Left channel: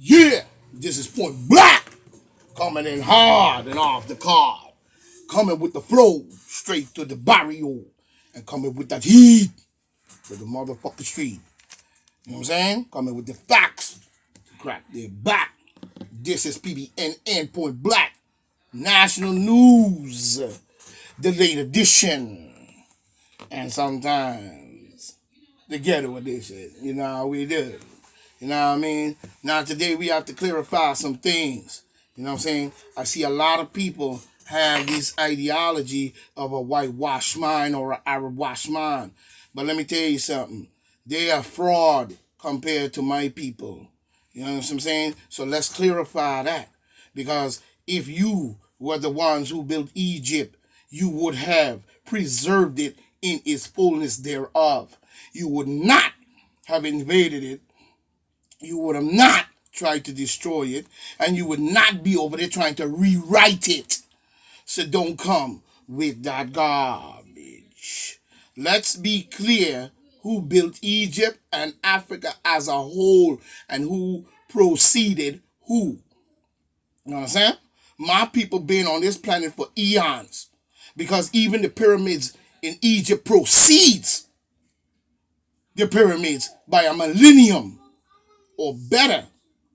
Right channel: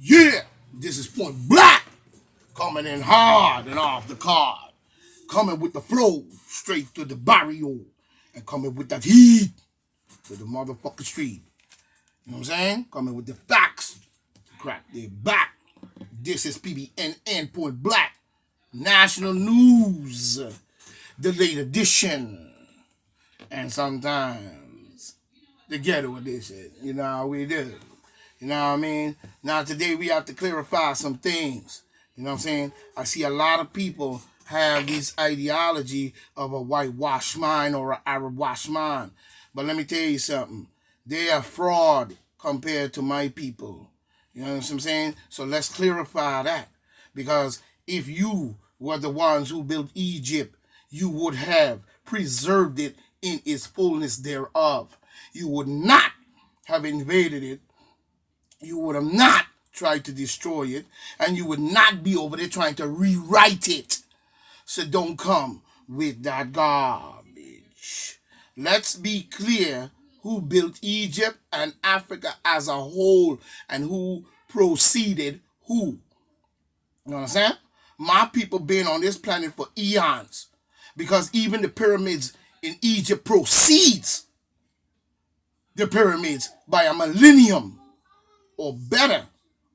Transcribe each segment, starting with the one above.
Yeah, this is Point Black, coming in hard and off the card, coming with the flow straight to the barrio, and coming with that heat to the motherfucking street. You know what I'm saying? Coming with the facts to crack their back. This is PBNN Point Black, national news, the late edition, and sometimes the ghetto edition. You know how we do. You know what I mean? Now today we have to clarify some things. You know what I'm saying? I see a lot of people have this ideology of a whitewash mind or an Arab wash mind. But let me tell you something. They are fraud compared to my people. You know what I'm saying? So let's clarify that. Because if you were the ones who built Egypt, you would have preserved it in its fullness thereof. You would not have invaded it. You would have not tried to destroy it, and you would not be over there trying to rewrite it. So don't come with that garbage. Let's be clear who built Egypt and Africa as a whole and who proceeded who. You know what I'm saying? My people been on this planet for eons because even the pyramids in Egypt proceeds the pyramids by a millennium or better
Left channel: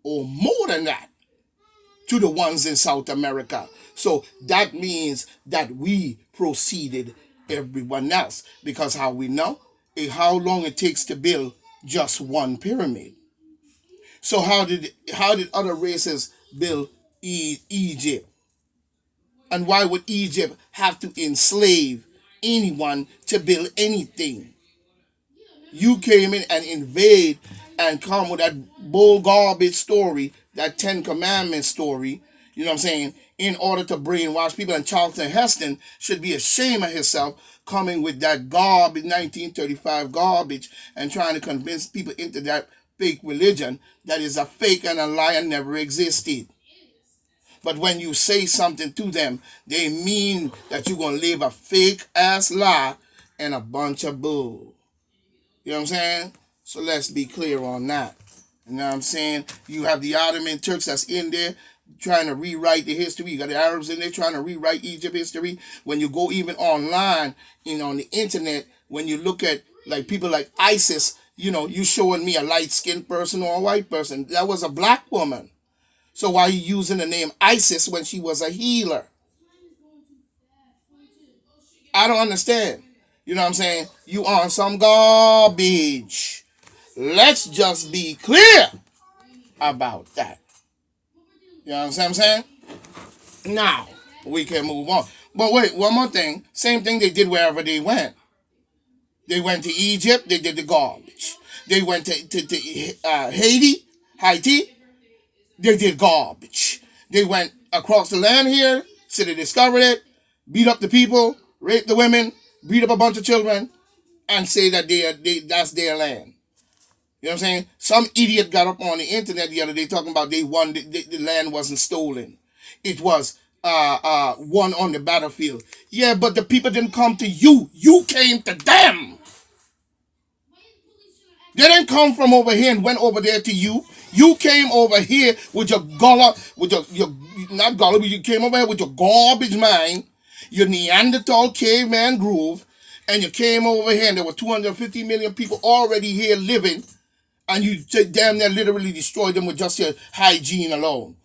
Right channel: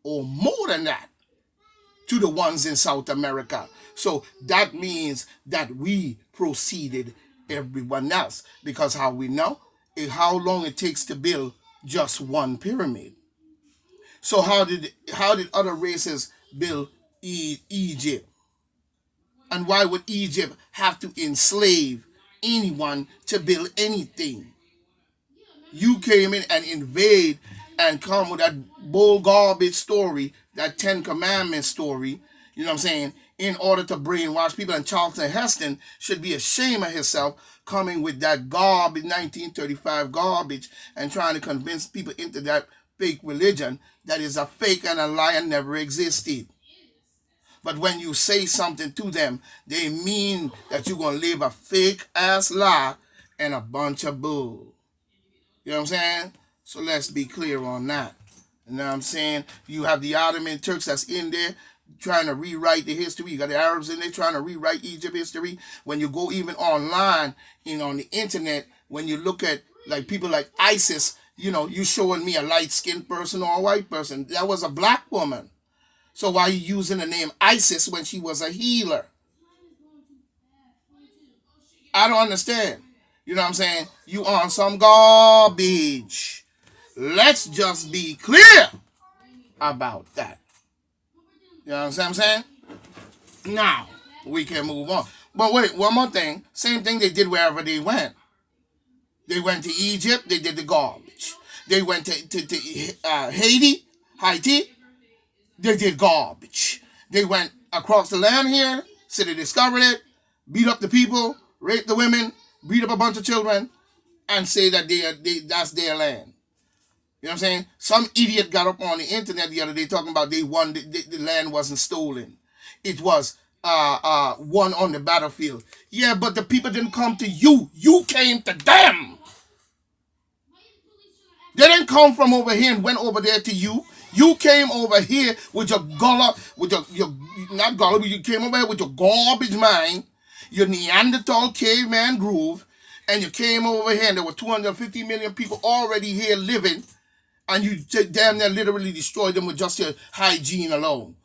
or more than that to the ones in South America. So that means that we preceded everyone else because how we know is how long it takes to build just one pyramid. So how did other races build Egypt? And why would Egypt have to enslave anyone to build anything? You came in and invade and come with that bull garbage story, that Ten Commandments story, you know what I'm saying, in order to brainwash people. And Charlton Heston should be ashamed of himself coming with that garbage, 1935 garbage, and trying to convince people into that fake religion that is a fake and a lie and never existed. But when you say something to them, they mean that you're going to live a fake ass lie and a bunch of bull. You know what I'm saying? So let's be clear on that. You know what I'm saying? You have the Ottoman Turks that's in there trying to rewrite the history. You got the Arabs in there trying to rewrite Egypt history. When you go even online, on the internet, when you look at like people like ISIS, you showing me a light-skinned person or a white person. That was a black woman. So why are you using the name ISIS when she was a healer? I don't understand. You know what I'm saying? You on some garbage. Let's just be clear about that. You know what I'm saying? Now, we can move on. But wait, one more thing. Same thing they did wherever they went. They went to Egypt, they did the garbage. They went to Haiti, they did garbage. They went across the land here, so they discovered it, beat up the people, raped the women, beat up a bunch of children, and say that that's their land. You know what I'm saying? Some idiot got up on the internet the other day talking about they won, the land wasn't stolen. It was won on the battlefield. Yeah, but the people didn't come to you. You came to them. They didn't come from over here and went over there to you. You came over here with your not gullah, but you came over here with your garbage mind, your Neanderthal caveman groove, and you came over here and there were 250 million people already here living, and you damn near literally destroyed them with just your hygiene alone.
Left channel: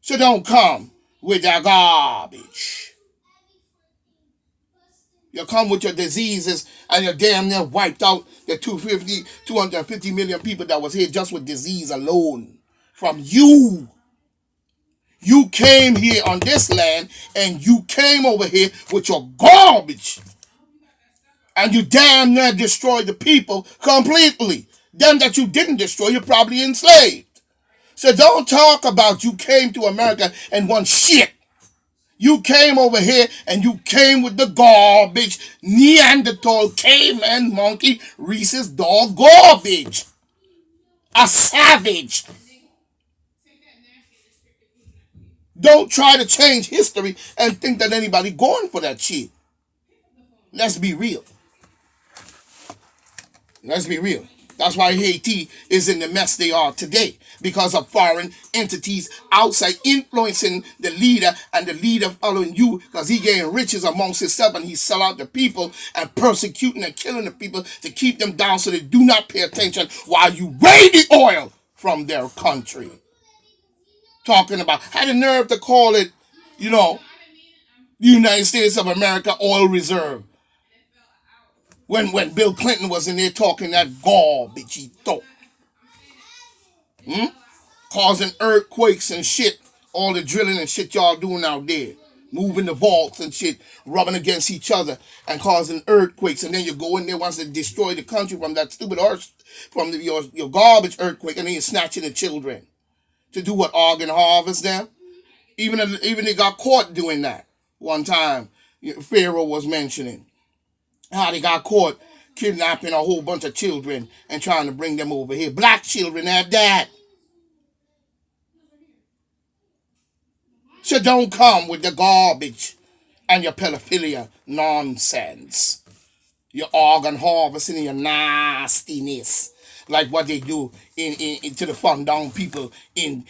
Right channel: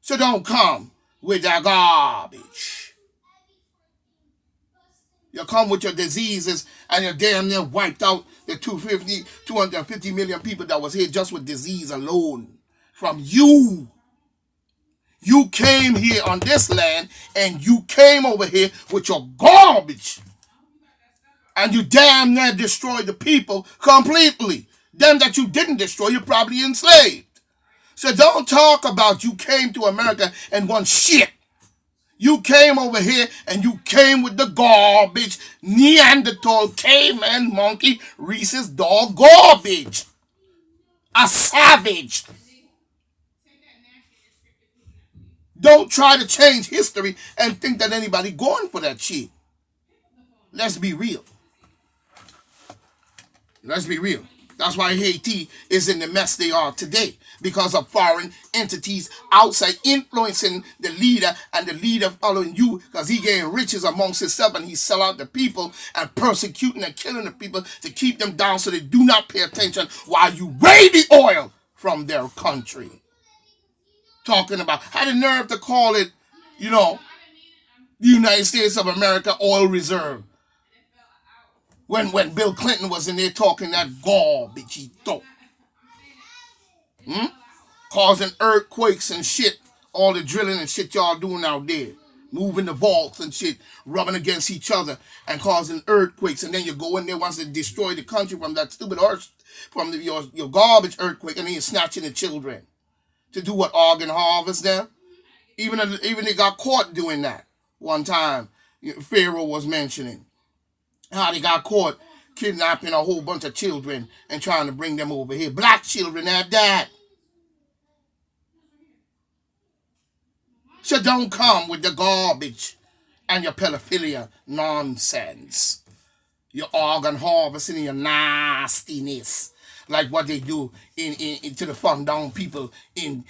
So don't come with that garbage. You come with your diseases and you damn near wiped out the 250 million people that was here just with disease alone. From you. You came here on this land and you came over here with your garbage. And you damn near destroyed the people completely. Them that you didn't destroy, you probably enslaved. So don't talk about you came to America and won shit. You came over here and you came with the garbage, Neanderthal, caveman, monkey, Reese's dog garbage. A savage. Don't try to change history and think that anybody going for that shit. Let's be real. Let's be real. That's why Haiti is in the mess they are today. because of foreign entities outside influencing the leader and the leader following you because he getting riches amongst himself and he sell out the people and persecuting and killing the people to keep them down so they do not pay attention while you raid the oil from their country. Talking about, had the nerve to call it, United States of America oil reserve. When Bill Clinton was in there talking that garbage he thought. Causing earthquakes and shit. All the drilling and shit y'all doing out there. Moving the vaults and shit. Rubbing against each other. And causing earthquakes. And then you go in there once to destroy the country from that stupid earth. From your garbage earthquake. And then you're snatching the children. To do what? Organ harvest them? Even they got caught doing that. One time. Pharaoh was mentioning. How they got caught kidnapping a whole bunch of children. And trying to bring them over here. Black children at that. So don't come with the garbage and your pedophilia nonsense. Your organ harvesting and your nastiness. Like what they do to the Fandong people in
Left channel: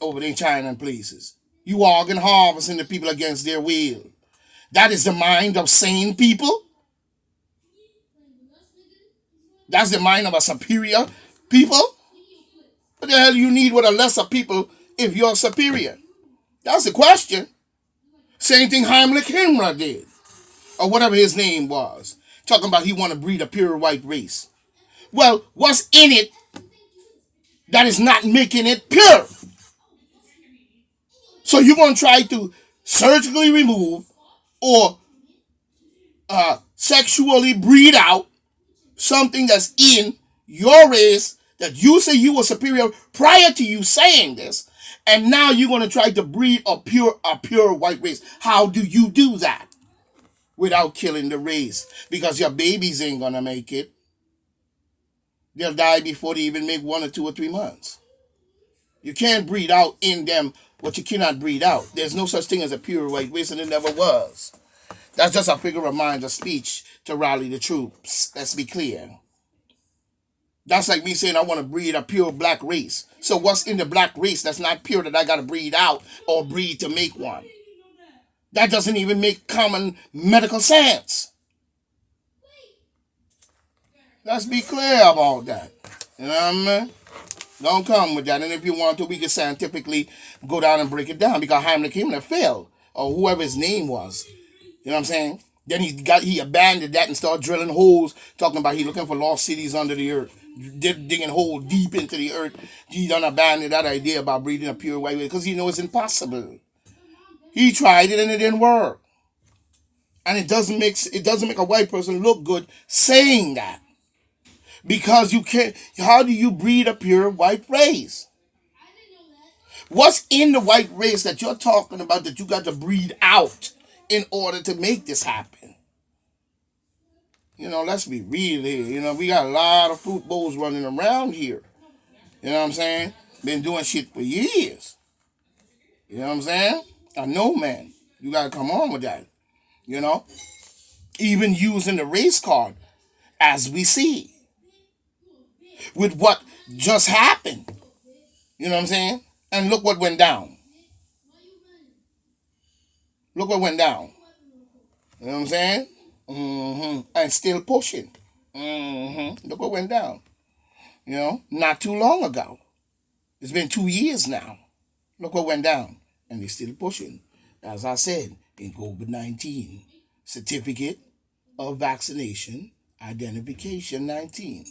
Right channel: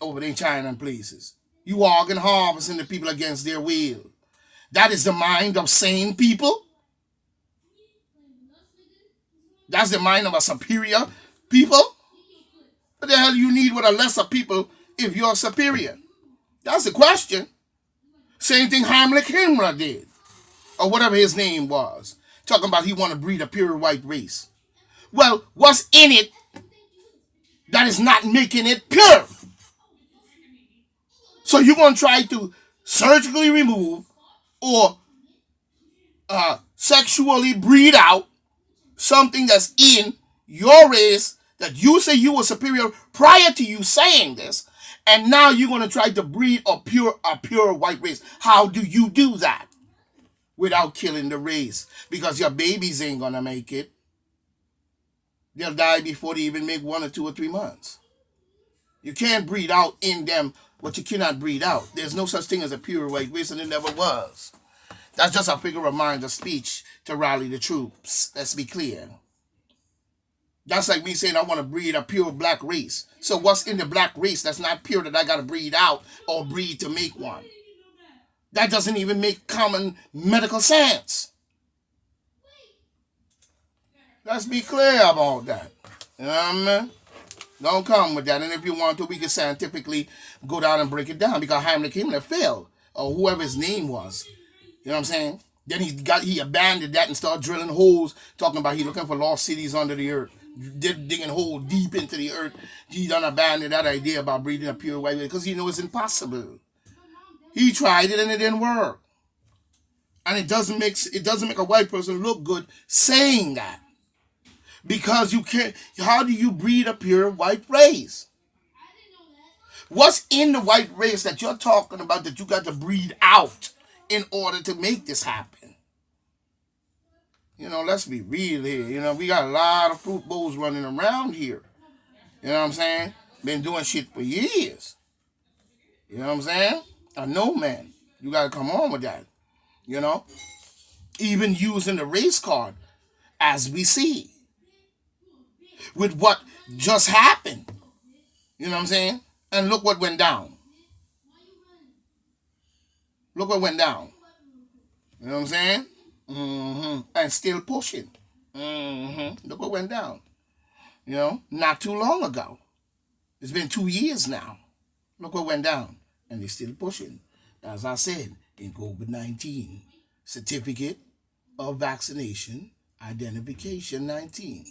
over there in China and places. You organ harvesting the people against their will. That is the mind of sane people. That's the mind of a superior people. What the hell you need with a lesser people if you're superior? That's the question. Same thing Heimlich Himmler did. Or whatever his name was. Talking about he want to breed a pure white race. Well, what's in it that is not making it pure? So you're going to try to surgically remove or sexually breed out something that's in your race that you say you were superior prior to you saying this, and now you're going to try to breed a pure white race. How do you do that without killing the race? Because your babies ain't going to make it. They'll die before they even make 1 or 2 or 3 months. You can't breed out in them what you cannot breed out. There's no such thing as a pure white race, and it never was. That's just a figure of mind, a speech to rally the troops. Let's be clear. That's like me saying I want to breed a pure black race. So what's in the black race that's not pure that I got to breed out or breed to make one? That doesn't even make common medical sense. Let's be clear about that. You know what I mean? Don't come with that. And if you want to, we can scientifically go down and break it down because Heimlich Himmler failed, or whoever his name was. You know what I'm saying? Then he abandoned that and started drilling holes, talking about he looking for lost cities under the earth, digging holes deep into the earth. He done abandoned that idea about breeding a pure white because he knows it's impossible. He tried it and it didn't work. And it doesn't make a white person look good saying that. Because you can't, how do you breed a pure white race? What's in the white race that you're talking about that you got to breed out in order to make this happen? Let's be real here. We got a lot of fruit bowls running around here. You know what I'm saying? Been doing shit for years. You know what I'm saying? I know, man. You got to come on with that. Even using the race card as we see. With what just happened. You know what I'm saying? And look what went down. Look what went down. You know what I'm saying? And still pushing. Look what went down. Not too long ago. It's been 2 years now. Look what went down. And they're still pushing. As I said, in COVID-19, certificate of vaccination, identification 19.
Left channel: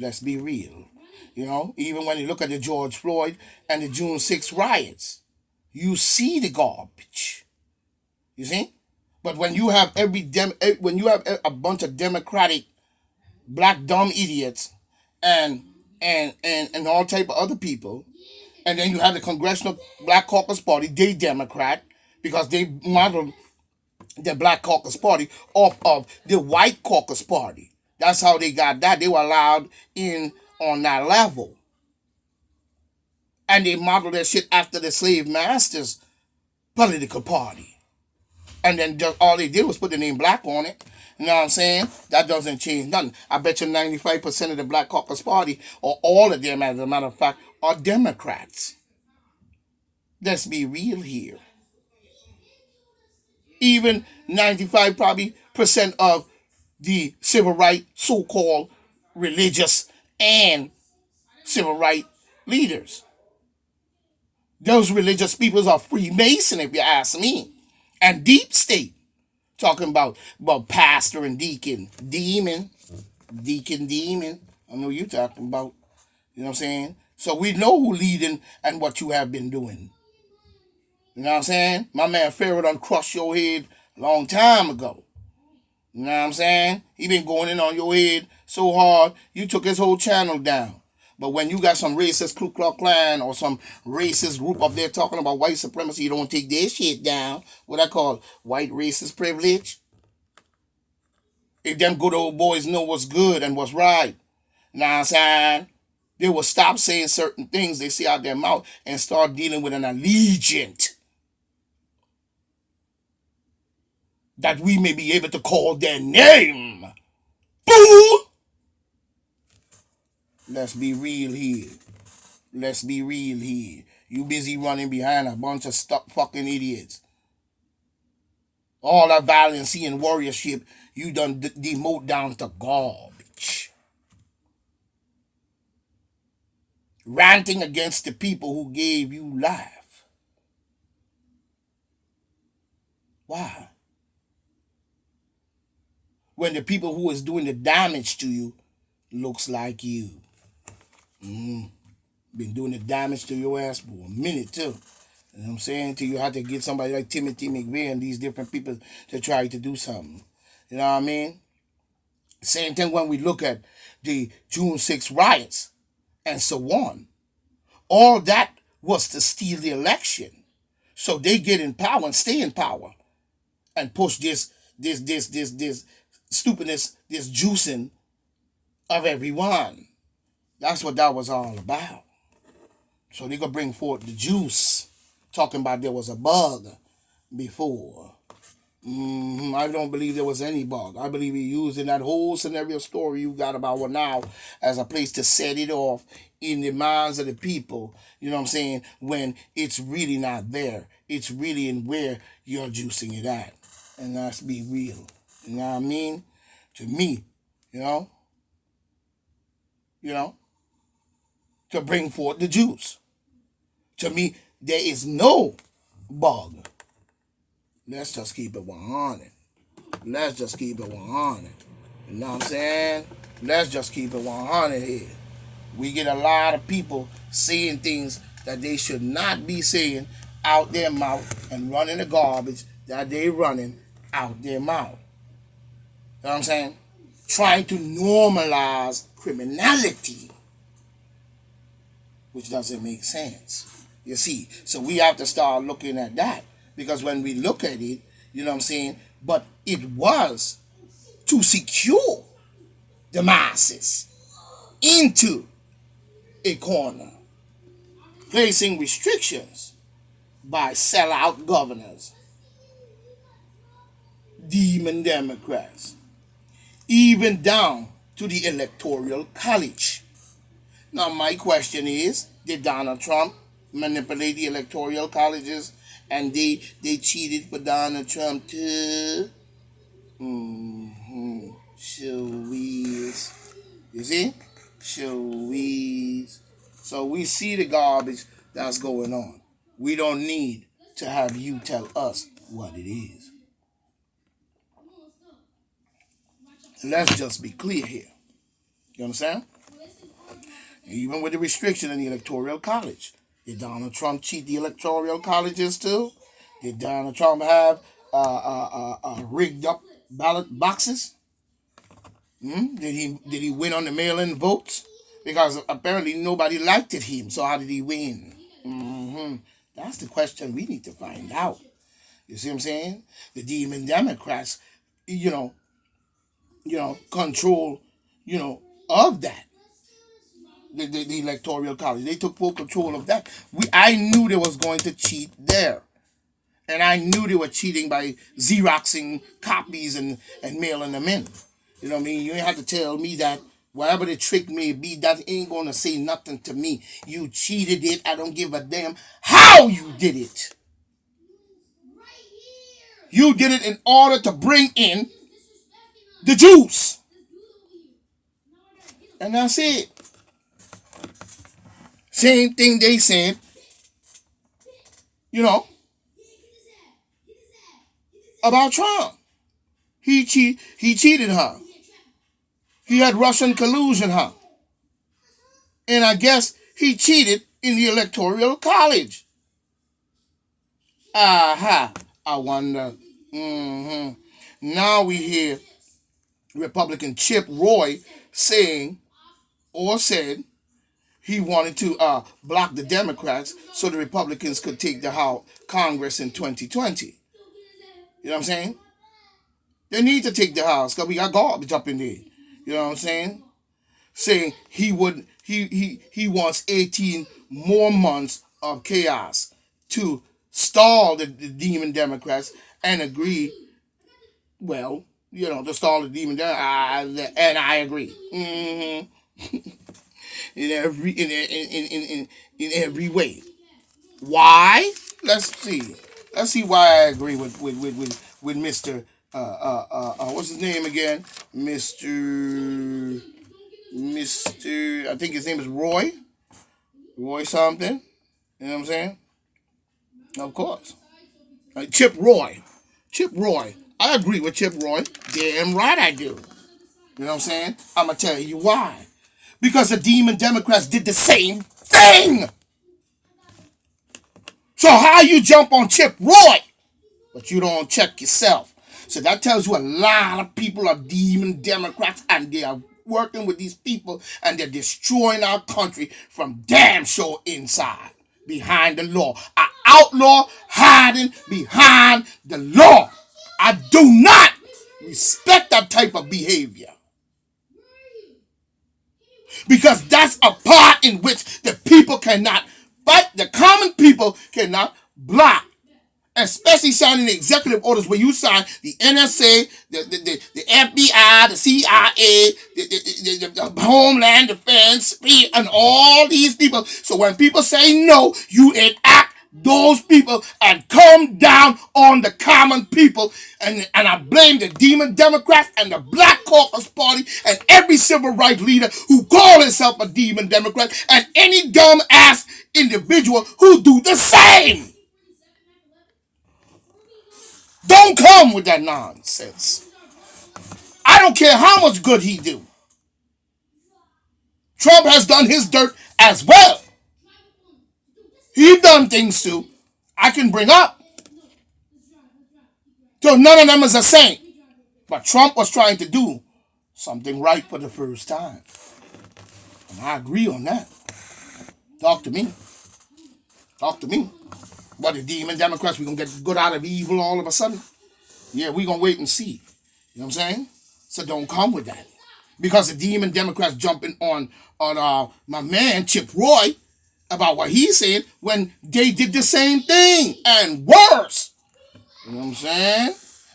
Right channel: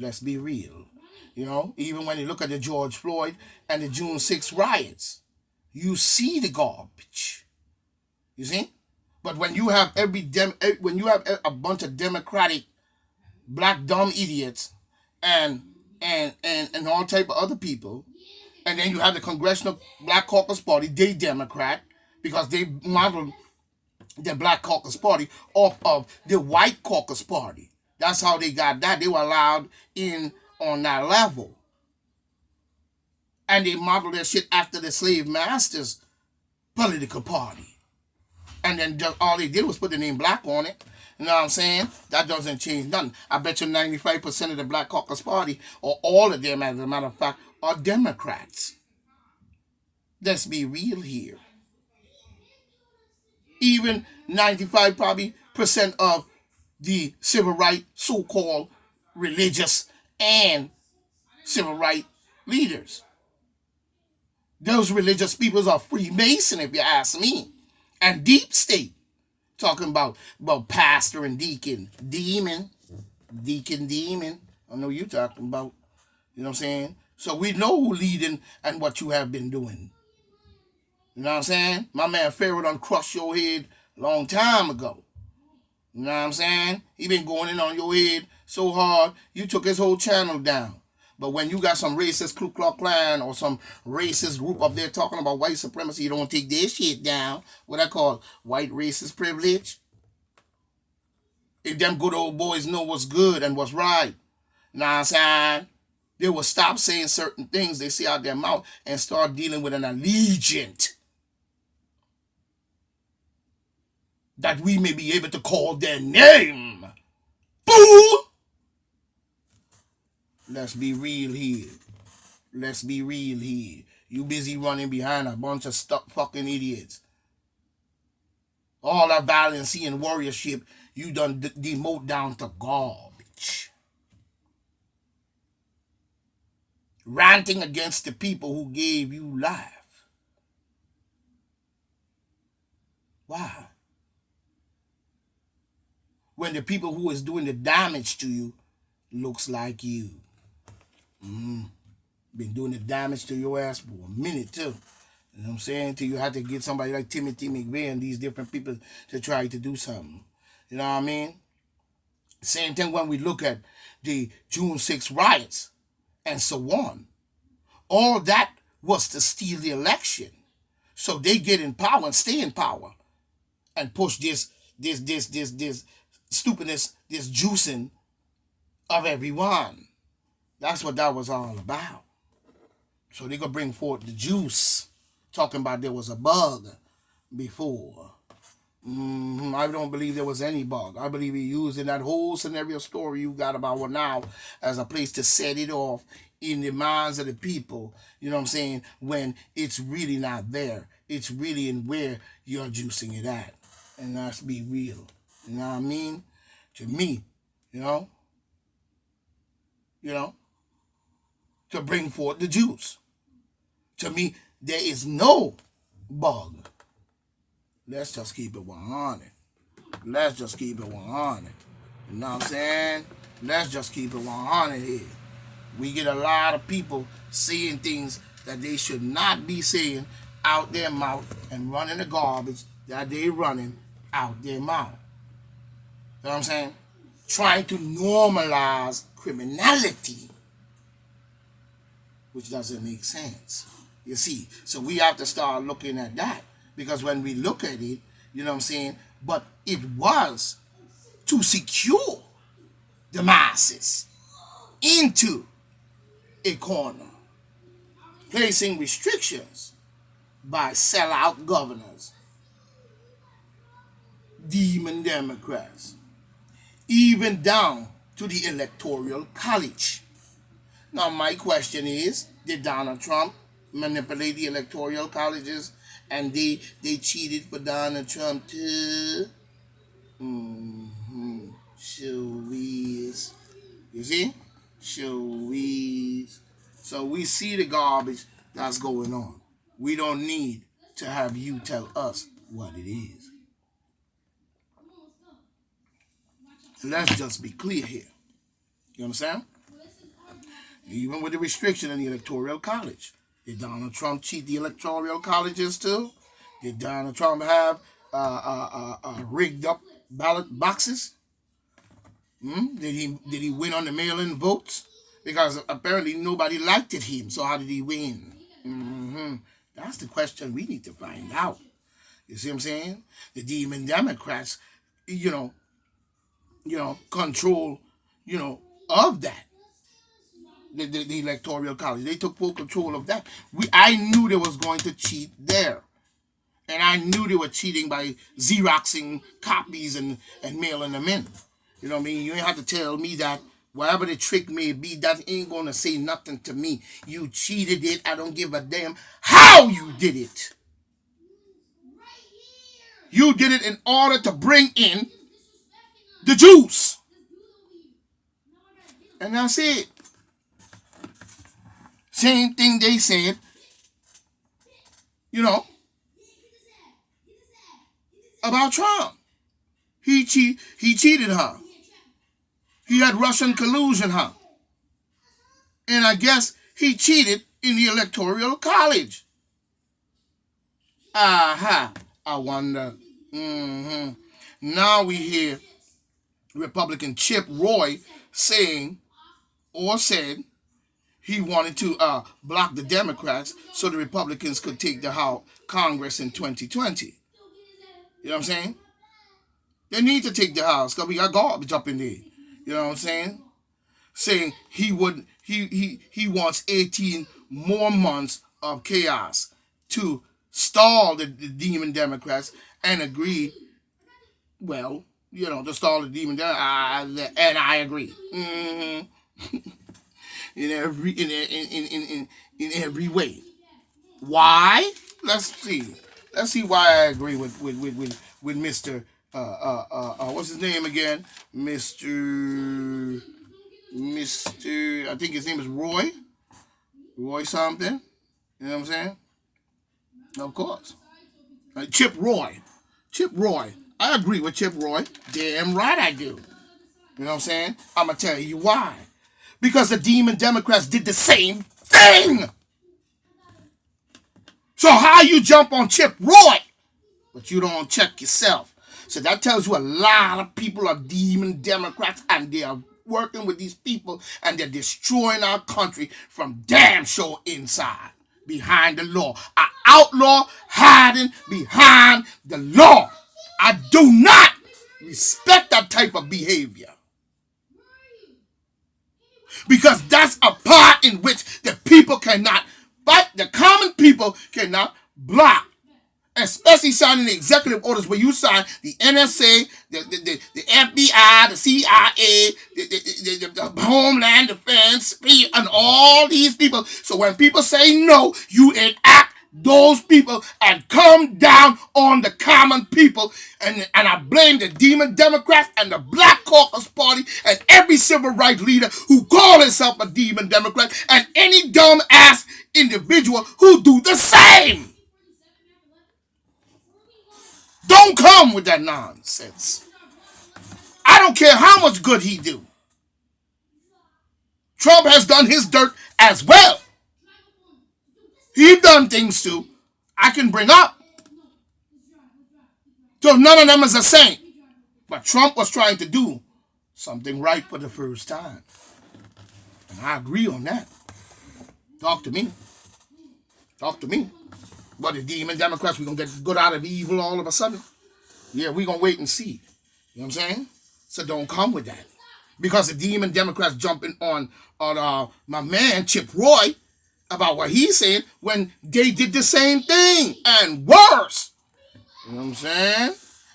Let's be real. Even when you look at the George Floyd and the June 6 riots, you see the garbage. You see? But when you have a bunch of Democratic black dumb idiots and all type of other people, and then you have the Congressional Black Caucus Party, they Democrat, because they modeled the Black Caucus Party off of the White Caucus Party. That's how they got that. They were allowed in on that level. And they modeled their shit after the slave masters' political party. And then all they did was put the name black on it. You know what I'm saying? That doesn't change nothing. I bet you 95% of the Black Caucus Party, or all of them, as a matter of fact, are Democrats. Let's be real here. Even 95 probably percent of the civil rights, so-called religious and civil rights leaders. Those religious peoples are Freemason, if you ask me. And deep state. Talking about pastor and deacon. Demon. Deacon, demon. I know you're talking about. You know what I'm saying? So we know who leading and what you have been doing. You know what I'm saying? My man Pharaoh done crushed your head a long time ago. You know what I'm saying? He been going in on your head so hard, you took his whole channel down. But when you got some racist Ku Klux Klan or some racist group up there talking about white supremacy, you don't take their shit down. What I call white racist privilege. If them good old boys know what's good and what's right, you know what I'm saying? They will stop saying certain things they say out their mouth and start dealing with an allegiance that we may be able to call their name. Boo! Let's be real here. Let's be real here. You busy running behind a bunch of stuck fucking idiots. All that valiancy and warriorship, you done demote down to garbage. Ranting against the people who gave you life. Why? When the people who is doing the damage to you looks like you. Been doing the damage to your ass for a minute too. You know what I'm saying? Till you have to get somebody like Timothy McVeigh and these different people to try to do something. You know what I mean? Same thing when we look at the June 6th riots and so on. All that was to steal the election. So they get in power and stay in power and push this stupidness, this juicing of everyone. That's what that was all about. So they gonna bring forth the juice, talking about there was a bug before. I don't believe there was any bug. I believe he using that whole scenario story you got about what now as a place to set it off in the minds of the people. You know what I'm saying? When it's really not there. It's really in where you're juicing it at. And let's be real. You know what I mean? To me, you know, to bring forth the juice. To me, there is no bug. Let's just keep it 100. Let's just keep it 100. You know what I'm saying? Let's just keep it 100 here. We get a lot of people saying things that they should not be saying out their mouth and running the garbage that they running out their mouth. You know what I'm saying? Trying to normalize criminality, which doesn't make sense. You see, so we have to start looking at that, because when we look at it, you know what I'm saying, but it was to secure the masses into a corner, placing restrictions by sellout governors, demon Democrats, even down to the Electoral College. Now, my question is, did Donald Trump manipulate the electoral colleges and they cheated for Donald Trump too? Sure is. You see? Sure is. So we see the garbage that's going on. We don't need to have you tell us what it is. Let's just be clear here. You understand? Even with the restriction in the Electoral College. Did Donald Trump cheat the electoral colleges too? Did Donald Trump have rigged up ballot boxes? Did he win on the mail-in votes? Because apparently nobody liked him. So how did he win? That's the question we need to find out. You see what I'm saying? The demon Democrats, control, of that. The electoral college. They took full control of that. I knew they was going to cheat there. And I knew they were cheating by Xeroxing copies and mailing them in. You know what I mean? You ain't have to tell me that whatever the trick may be, that ain't gonna say nothing to me. You cheated it. I don't give a damn how you did it. You did it in order to bring in the Jews. And that's it. Same thing they said, you know, about Trump. He cheated her. He had Russian collusion, huh? And I guess he cheated in the Electoral College. Aha. I wonder. Now we hear Republican Chip Roy saying or said he wanted to block the Democrats so the Republicans could take the House Congress in 2020. You know what I'm saying? They need to take the House because we got garbage up in there. You know what I'm saying? Saying he wants 18 more months of chaos to stall the demon Democrats and agree. Well, you know, to stall the demon Democrats, and I agree. In every way. Why? Let's see. Let's see why I agree with Mr. What's his name again? Mr. I think his name is Roy. Roy something. You know what I'm saying? Of course. Chip Roy. Chip Roy. I agree with Chip Roy. Damn right I do. You know what I'm saying? I'm going to tell you why. Because the demon Democrats did the same thing. So how you jump on Chip Roy, but you don't check yourself? So that tells you a lot of people are demon Democrats and they are working with these people and they're destroying our country from damn sure inside, behind the law. An outlaw hiding behind the law. I do not respect that type of behavior. Because that's a part in which the people cannot fight, the common people cannot block. Especially signing the executive orders where you sign the NSA, the FBI, the CIA, the Homeland Defense, and all these people. So when people say no, you enact those people and come down on the common people. And I blame the demon Democrats and the Black Caucus Party and every civil rights leader who call himself a demon Democrat and any dumb ass individual who do the same. Don't come with that nonsense. I don't care how much good he do. Trump has done his dirt as well. He done things too. I can bring up. So none of them is a saint. But Trump was trying to do something right for the first time. And I agree on that. Talk to me. Talk to me. But the demon Democrats, we're going to get good out of evil all of a sudden? Yeah, we're going to wait and see. You know what I'm saying? So don't come with that. Because the demon Democrats jumping on my man, Chip Roy, about what he's saying when they did the same thing and worse. You know what I'm saying?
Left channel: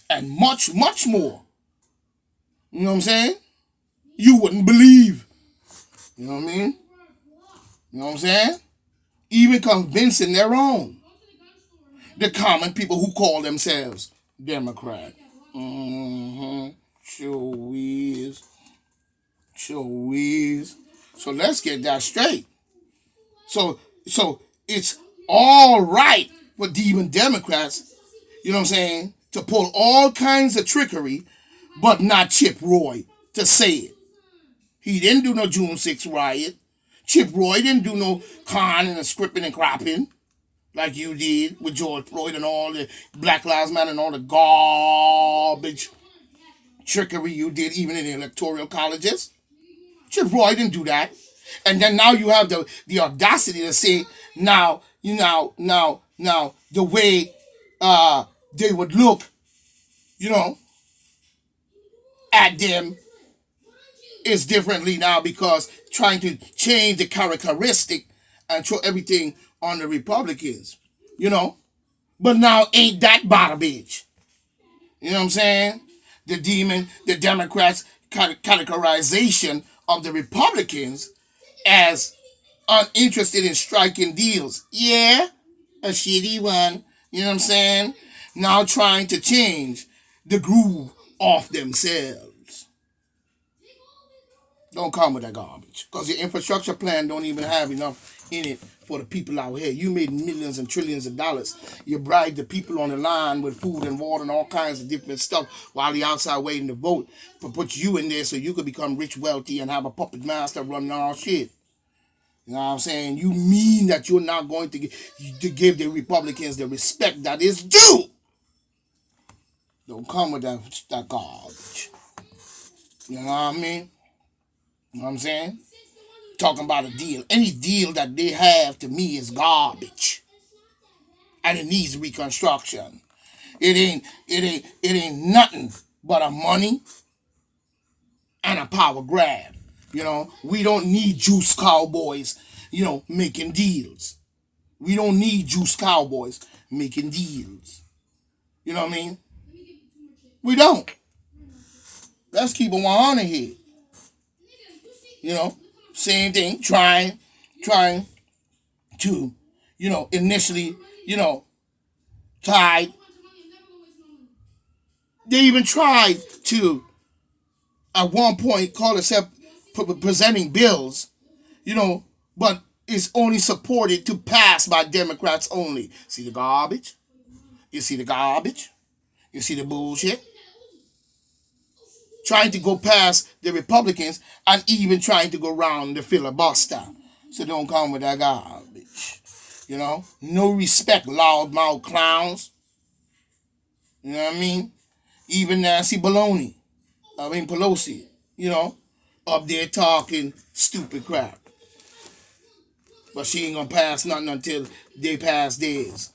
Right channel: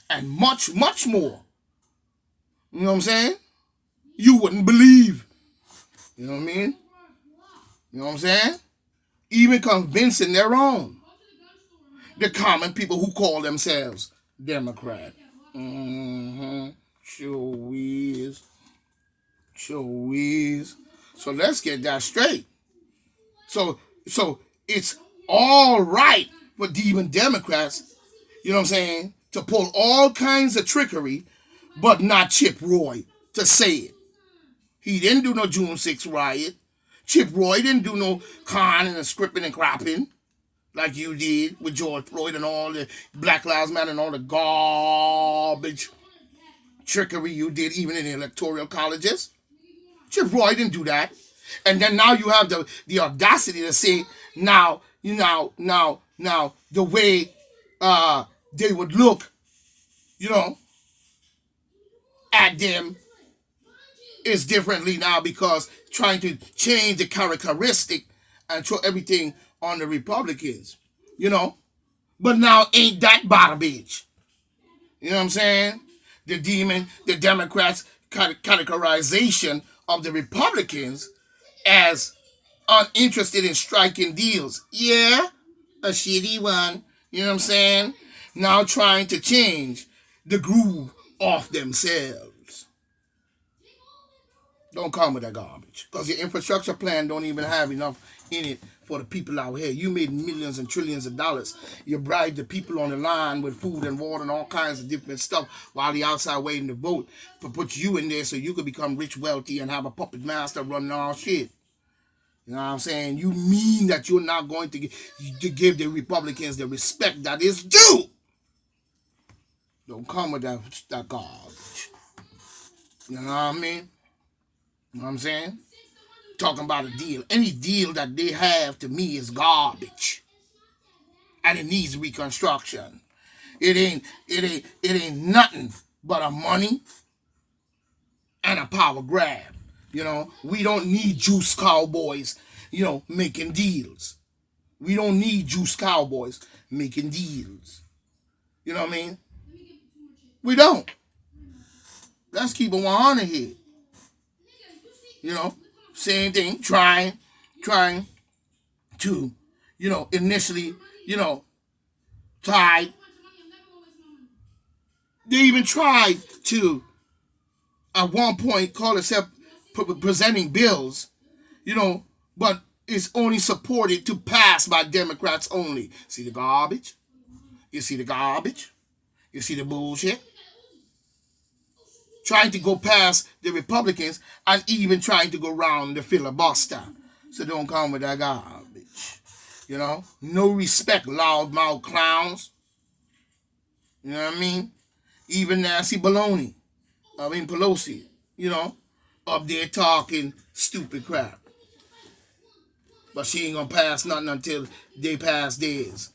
And much, much more. You know what I'm saying? You wouldn't believe. You know what I mean? You know what I'm saying? Even convincing their own. The common people who call themselves Democrat. Sure is. Sure is. So let's get that straight. So it's all right for demon Democrats, you know what I'm saying, to pull all kinds of trickery, but not Chip Roy to say it. He didn't do no June 6th riot. Chip Roy didn't do no conning and scripting and crapping like you did with George Floyd and all the Black Lives Matter and all the garbage trickery you did even in the electoral colleges. Chip Roy didn't do that. And then now you have the audacity to say now the way they would look, you know, at them is differently now because trying to change the characteristic and throw everything on the Republicans, you know. But now ain't that bada bitch. You know what I'm saying? The Democrats' categorization of the Republicans as uninterested in striking deals. Yeah, a shitty one. You know what I'm saying? Now trying to change the groove off themselves. Don't come with that garbage. Because your infrastructure plan don't even have enough in it for the people out here. You made millions and trillions of dollars. You bribed the people on the line with food and water and all kinds of different stuff while they outside waiting to vote. But put you in there so you could become rich, wealthy, and have a puppet master running all shit. You know what I'm saying? You mean that you're not going to give the Republicans the respect that is due. Don't come with that garbage. You know what I mean? You know what I'm saying? Talking about a deal. Any deal that they have to me is garbage. And it needs reconstruction. It ain't nothing but a money and a power grab. You know, we don't need juice cowboys, making deals. We don't need juice cowboys making deals. You know what I mean? We don't. Let's keep it 100 here. Same thing, trying to, initially, tried. They even tried to, at one point, call itself presenting bills, but it's only supported to pass by Democrats only. See the garbage? You see the garbage? You see the bullshit? Trying to go past the Republicans and even trying to go around the filibuster. So don't come with that garbage. No respect, loudmouth clowns. You know what I mean? Even Nancy Pelosi, up there talking stupid crap. But she ain't gonna pass nothing until they pass theirs.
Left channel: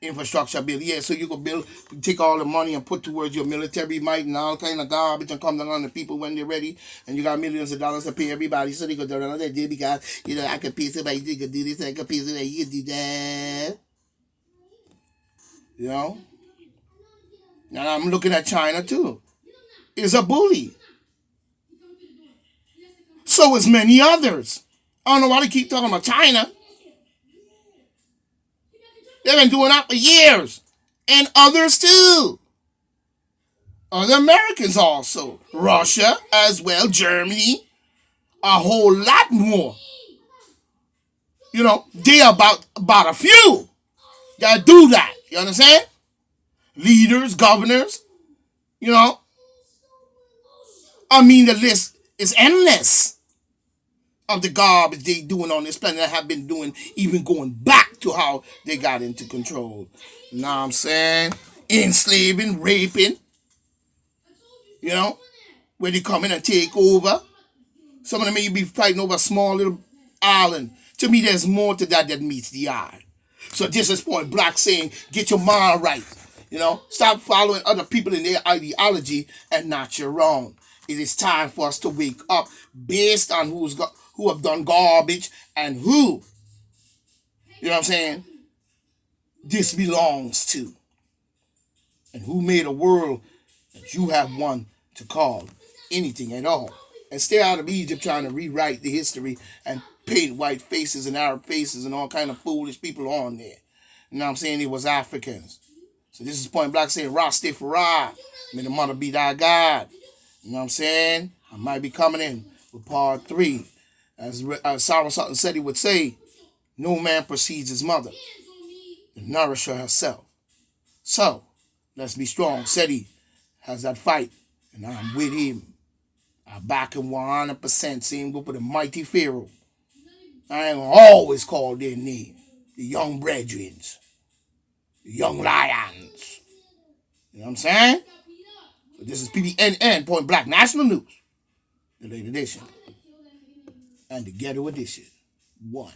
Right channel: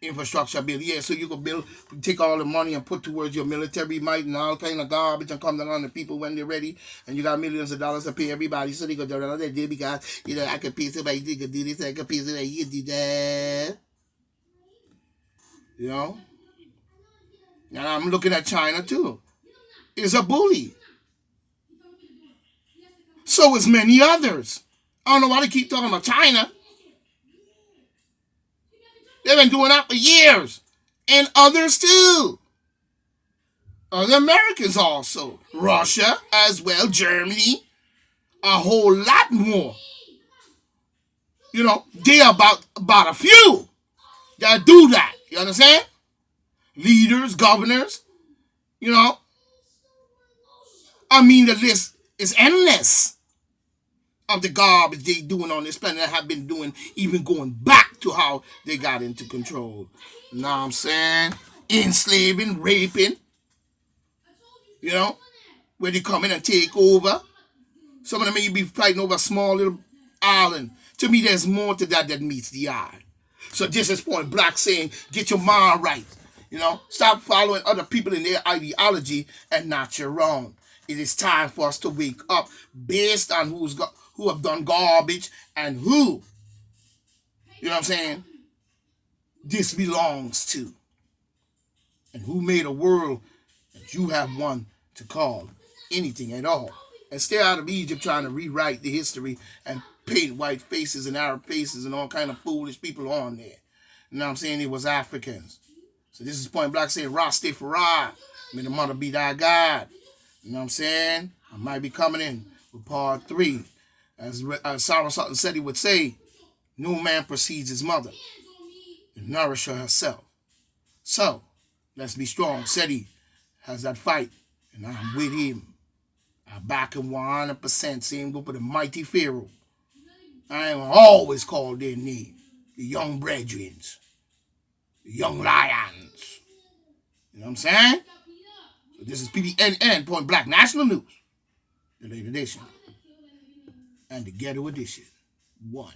Infrastructure bill. Yeah, so you can take all the money and put towards your military might and all kind of garbage and come down on the people when they're ready, and you got millions of dollars to pay everybody, so they could do another day because, I could pay somebody, they could do this, I could pay somebody, you could do that. And I'm looking at China too. It's a bully. So is many others. I don't know why they keep talking about China. They've been doing that for years. And others too. Other Americans also. Russia as well. Germany. A whole lot more. They about a few that do that. You understand? Leaders, governors. The list is endless of the garbage they doing on this planet that have been doing, even going back to how they got into control. You know what I'm saying? Enslaving, raping. Where they come in and take over. Some of them may be fighting over a small little island. To me, there's more to that meets the eye. So this is Point Black saying, get your mind right. Stop following other people in their ideology and not your own. It is time for us to wake up based on who have done garbage and who, what I'm saying, this belongs to. And who made a world that you have one to call anything at all. And stay out of Egypt trying to rewrite the history and paint white faces and Arab faces and all kind of foolish people on there. You know what I'm saying? It was Africans. So this is Point Black saying, Rastafari, may the mother be thy God. You know what I'm saying? I might be coming in with part 3. As Sarah Sutton said he would say, no man precedes his mother to nourish her herself. So, let's be strong. Seti has that fight, and I'm with him. I back him 100%. See him go for the mighty Pharaoh. I ain't always call their name. The young brethren. The young lions. You know what I'm saying? So this is PBNN, Point Black National News. The late edition. And the ghetto edition. 1.